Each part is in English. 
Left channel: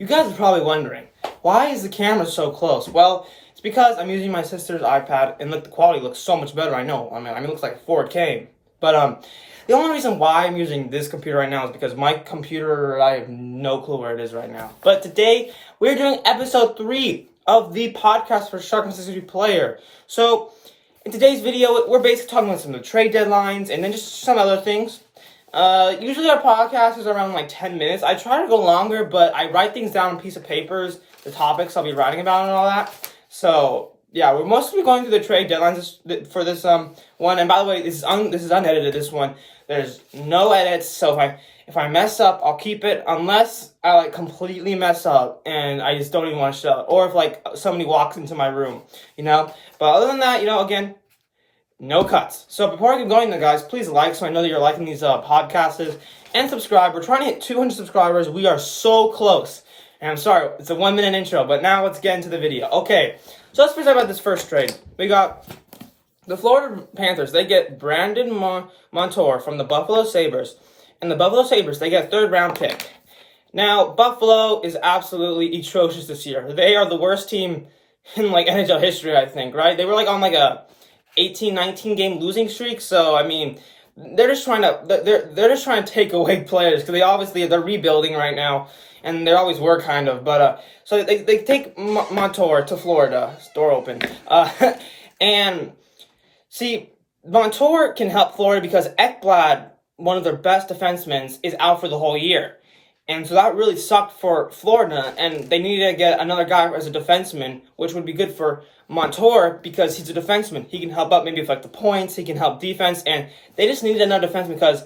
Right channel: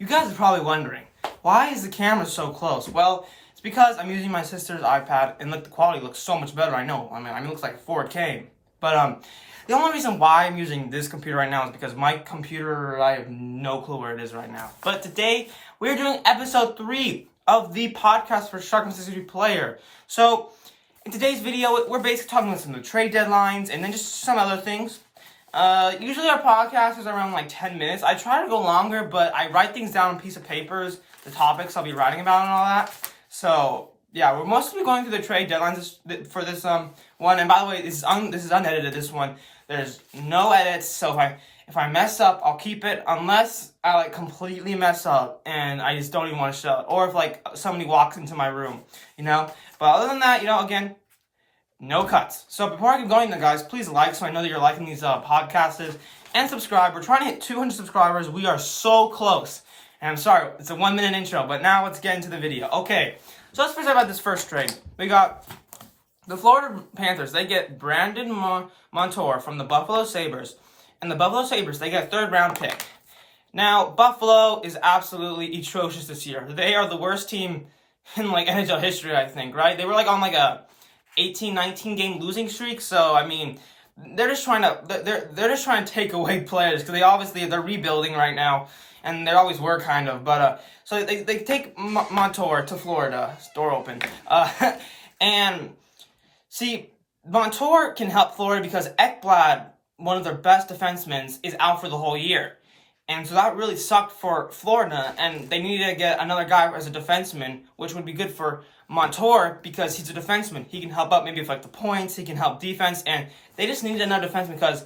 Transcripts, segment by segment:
You guys are probably wondering, why is the camera so close? Well, it's because I'm using my sister's iPad, and look, the quality looks so much better, I know. I mean, it looks like 4K. But, the only reason why I'm using this computer right now is because my computer, I have no clue where it is right now. But today, we're doing episode 3 of the podcast for Sharkfan63 player. So, in today's video, we're basically talking about some of the trade deadlines, and then just some other things. Usually our podcast is around like 10 minutes. I try to go longer, but I write things down on a piece of papers, the topics I'll be writing about and all that. So, yeah, we're mostly going through the trade deadlines for this one. And by the way, this is unedited, this one. There's no edits, so if I mess up, I'll keep it unless I like completely mess up and I just don't even want to show it. Or if like somebody walks into my room, you know? But other than that, again, no cuts. So before I get going, guys, please like so I know that you're liking these podcasts, and subscribe. We're trying to hit 200 subscribers. We are so close. And I'm sorry, it's a 1-minute intro, but now let's get into the video. Okay, so let's first talk about this first trade. We got the Florida Panthers. They get Brandon Montour from the Buffalo Sabres. And the Buffalo Sabres, they get a 3rd-round pick. Now, Buffalo is absolutely atrocious this year. They are the worst team in like NHL history, I think, right? They were like on like a 18-19 game losing streak. So I mean, they're just trying to take away players because they're rebuilding right now, and they always were kind of. But so they take Montour to Florida. Door open. And see, Montour can help Florida because Ekblad, one of their best defensemen, is out for the whole year. And so that really sucked for Florida, and they needed to get another guy as a defenseman, which would be good for Montour because he's a defenseman. He can help out maybe with like the points, he can help defense, and they just needed another defenseman because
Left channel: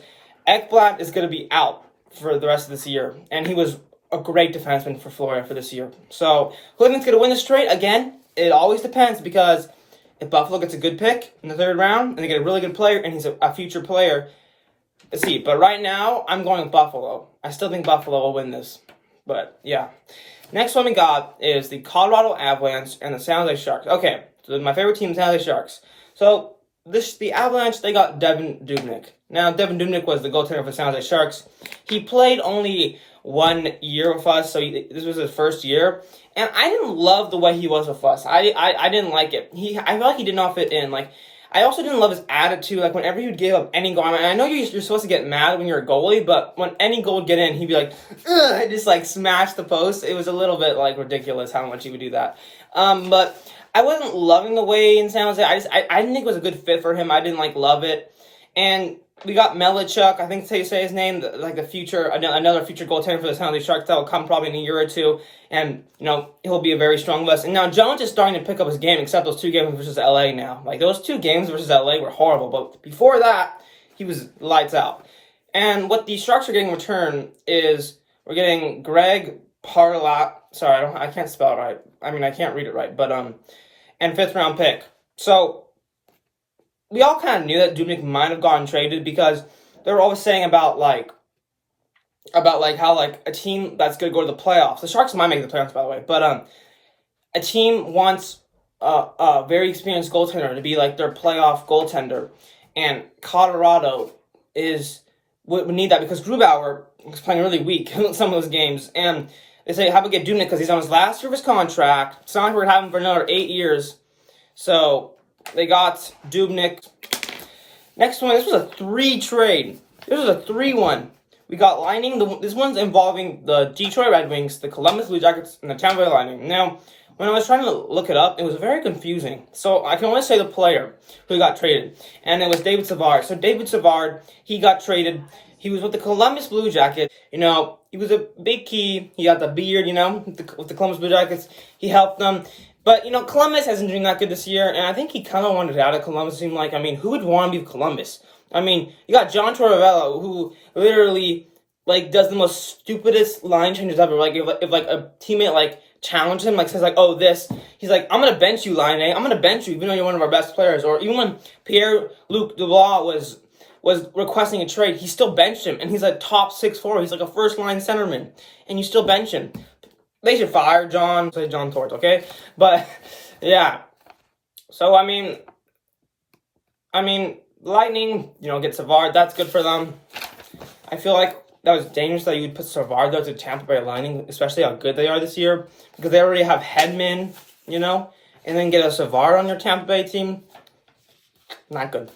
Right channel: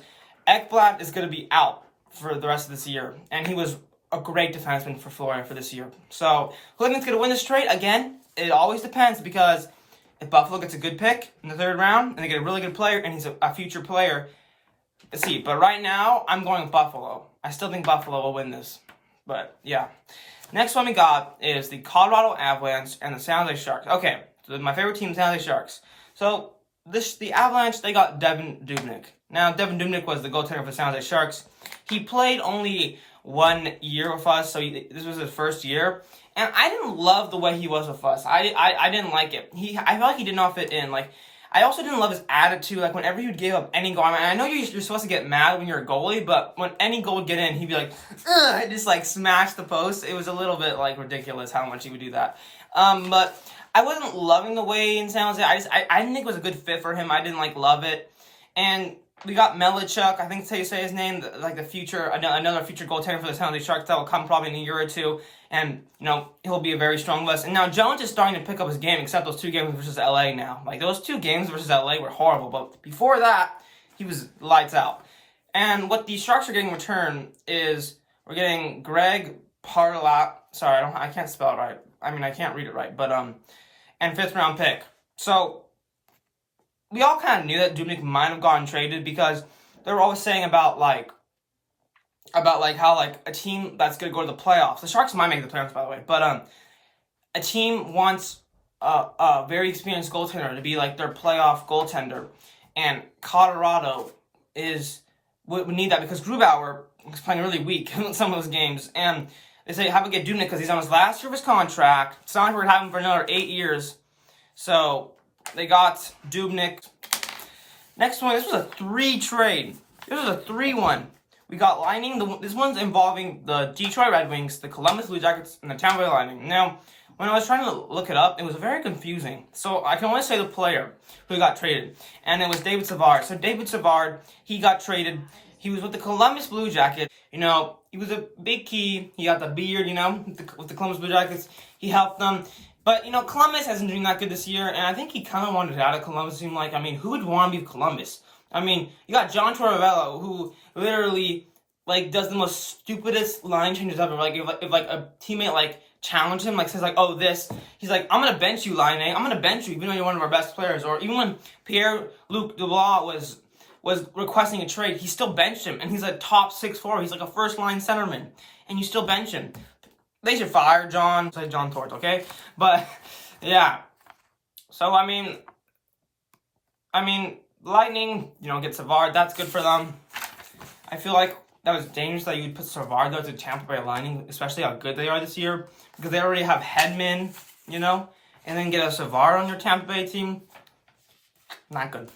Ekblad is going to be out for the rest of this year, and he was a great defenseman for Florida for this year. So who do you think's going to win this trade? Again, it always depends because if Buffalo gets a good pick in the 3rd round, and they get a really good player, and he's a future player, let's see. But right now, I'm going with Buffalo. I still think Buffalo will win this. But, yeah. Next one we got is the Colorado Avalanche and the San Jose Sharks. Okay, so my favorite team, San Jose Sharks. So, the Avalanche, they got Devin Dubnyk. Now, Devin Dubnyk was the goaltender for the San Jose Sharks. He played only 1 year with us, so this was his first year. And I didn't love the way he was with us. I didn't like it. I felt like he did not fit in. Like, I also didn't love his attitude. Like, whenever he would give up any goal, I mean, I know you're supposed to get mad when you're a goalie, but when any goal would get in, he'd be like, ugh, just like smash the post. It was a little bit like ridiculous how much he would do that. But I wasn't loving the way in San Jose. I didn't think it was a good fit for him. I didn't like love it. And we got Melichuk, I think that's how you say his name, like another future goaltender for the San Jose Sharks that will come probably in a year or two. And, he'll be a very strong list. And now Jones is starting to pick up his game, except those 2 games versus LA now. Like, those 2 games versus LA were horrible. But before that, he was lights out. And what the Sharks are getting in return is we're getting Greg Parlat. Sorry, I can't spell it right. I mean, I can't read it right. But, and 5th-round pick. So we all kind of knew that Dubnyk might have gotten traded because they were always saying about how like a team that's going to go to the playoffs. The Sharks might make the playoffs, by the way, but a team wants a very experienced goaltender to be like their playoff goaltender, and Colorado would need that because Grubauer was playing really weak in some of those games, and they say how about get Dubnyk because he's on his last year of his contract. It's not like we're going to have him for another 8 years, so they got Dubnyk. Next one, this was a 3 trade. This was a 3-1. We got Lightning. This one's involving the Detroit Red Wings, the Columbus Blue Jackets, and the Tampa Bay Lightning. Now, when I was trying to look it up, it was very confusing. So I can only say the player who got traded, and it was David Savard. So David Savard, he got traded. He was with the Columbus Blue Jackets. He was a big key. He got the beard, with the Columbus Blue Jackets. He helped them. But, Columbus hasn't doing that good this year, and I think he kind of wanted out of Columbus. It seemed like, who would want to be Columbus? You got John Tortorella, who literally, does the most stupidest line changes ever. If a teammate, challenged him, says, he's like, I'm going to bench you, Line A. I'm going to bench you, even though you're one of our best players. Or even when Pierre-Luc Dubois was requesting a trade, he still benched him, and he's a top 6'4". He's like a first-line centerman, and you still bench him. They should fire John Torts, okay? But, yeah. So, Lightning, get Savard. That's good for them. I feel like that was dangerous that you would put Savard there to Tampa Bay Lightning, especially how good they are this year, because they already have Hedman, you know, and then get a Savard on their Tampa Bay team. Not good.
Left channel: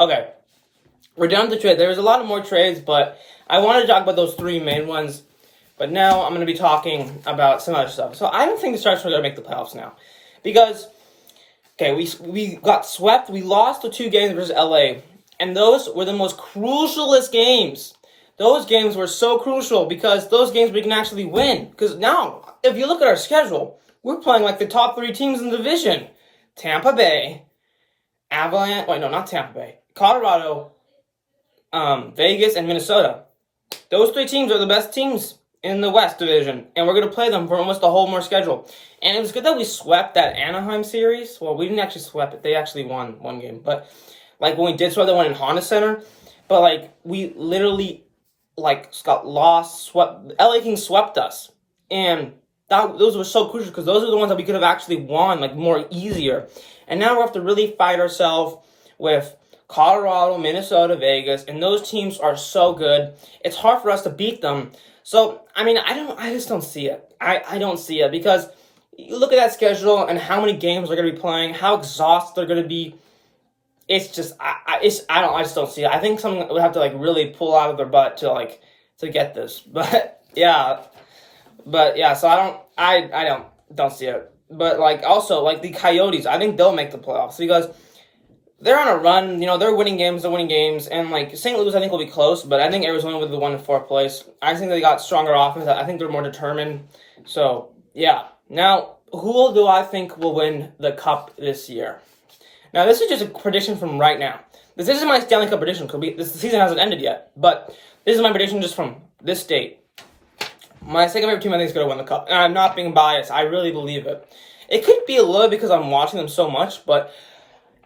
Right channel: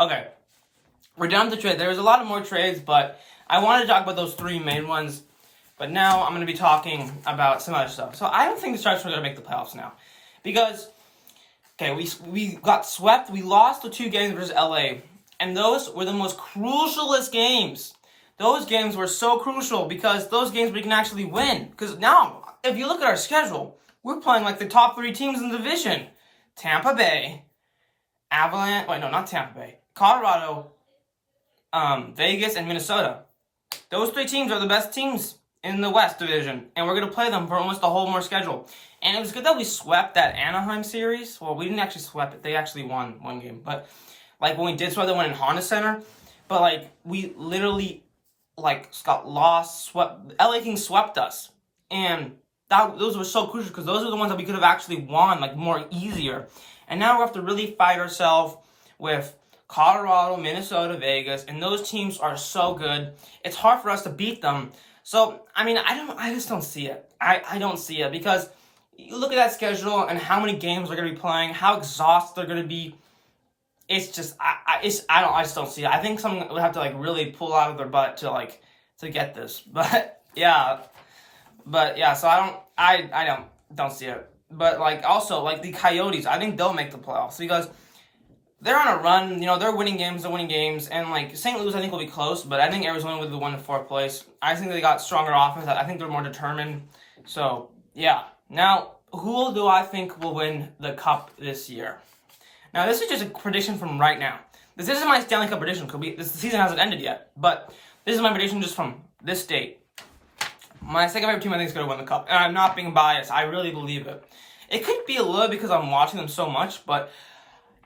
Okay, we're done with the trade. There's a lot of more trades, but I wanted to talk about those three main ones. But now I'm going to be talking about some other stuff. So I don't think the Sharks are going to make the playoffs now, because okay, we got swept. We lost the 2 games versus LA, and those were the most crucialest games. Those games were so crucial because those games we can actually win. Because now, if you look at our schedule, we're playing like the top 3 teams in the division. Tampa Bay, Avalanche, wait, no, not Tampa Bay. Colorado, Vegas, and Minnesota. Those 3 teams are the best teams in the West Division, and we're going to play them for almost the whole more schedule. And it was good that we swept that Anaheim series. Well, we didn't actually sweep it. They actually won 1 game. But, like, when we did sweep, they won in Honda Center. But, like, we literally, like, got lost, swept. LA Kings swept us. And those were so crucial because those are the ones that we could have actually won, like, more easier. And now we have to really fight ourselves with Colorado, Minnesota, Vegas, and those teams are so good. It's hard for us to beat them. So, I mean, I just don't see it. I don't see it because you look at that schedule and how many games they're going to be playing, how exhausted they're going to be. It's just, I just don't see it. I think someone would have to, like, really pull out of their butt to get this. But yeah, so I don't see it. But, like, also, like, the Coyotes, I think they'll make the playoffs because they're on a run. You know, they're winning games, and, like, St. Louis, I think, will be close, but I think Arizona will be the 1 to 4th place. I think they got stronger offense. I think they're more determined. So, yeah. Now, who do I think will win the Cup this year? Now, this is just a prediction from right now. This isn't my Stanley Cup prediction because the season hasn't ended yet, but this is my prediction just from this date. My second favorite team, I think, is going to win the Cup, and I'm not being biased. I really believe it. It could be a little because I'm watching them so much, but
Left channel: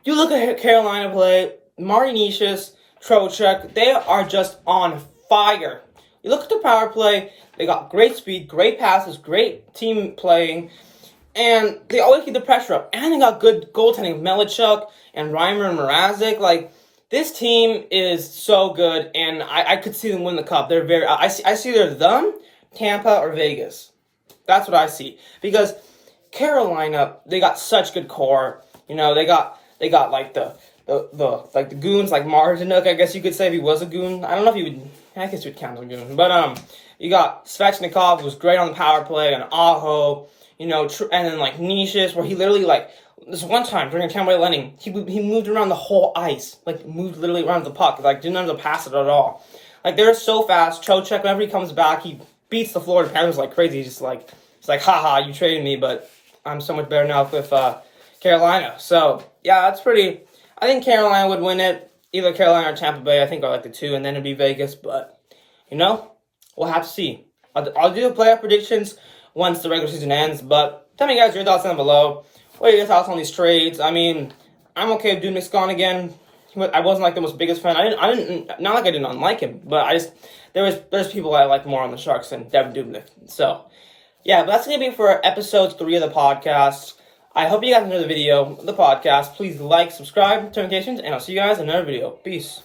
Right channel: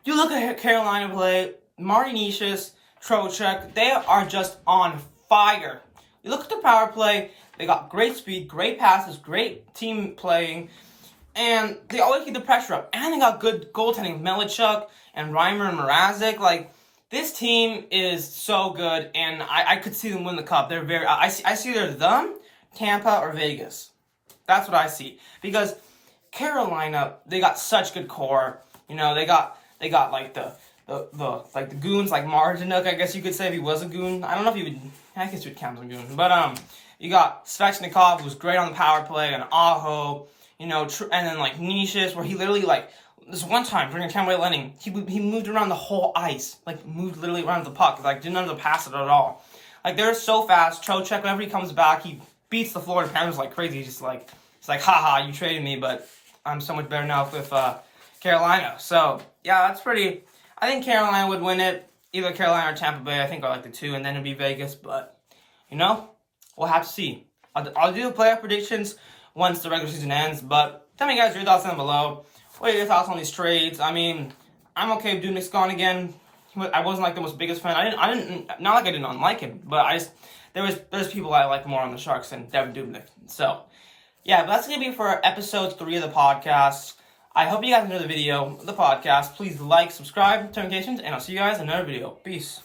you look at Carolina play, Marty Nishis, Trocheck, they are just on fire. You look at the power play, they got great speed, great passes, great team playing, and they always keep the pressure up. And they got good goaltending with Melichuk and Reimer and Mrazek. Like, this team is so good, and I could see them win the Cup. They're very, I see either them, Tampa, or Vegas. That's what I see. Because Carolina, they got such good core. You know, they got like the goons like Martinuk, I guess you could say, if he was a goon. I don't know if he would. I guess you would count as a goon. But you got Svechnikov, who was great on the power play, and Aho, you know, and then like Nishis, where he literally like this one time during a Tampa Bay Lightning, he moved around the whole ice, like moved literally around the puck, like didn't have to pass it at all. Like they're so fast. Trocheck, whenever he comes back, he beats the Florida Panthers like crazy. He's just like, it's like, haha, you traded me, but I'm so much better now with Carolina. So yeah, that's pretty. I think Carolina would win it. Either Carolina or Tampa Bay, I think, are like the 2, and then it'd be Vegas. But, you know, we'll have to see. I'll do playoff predictions once the regular season ends. But tell me, guys, your thoughts down below. What are your thoughts on these trades? I mean, I'm okay with Dubnyk's gone again. I wasn't like the most biggest fan. I didn't not like I didn't unlike him, but there's people I like more on the Sharks than Devin Dubnyk. So, yeah, but that's gonna be for episode 3 of the podcast. I hope you guys enjoyed the video, the podcast. Please like, subscribe, turn notifications, and I'll see you guys in another video. Peace.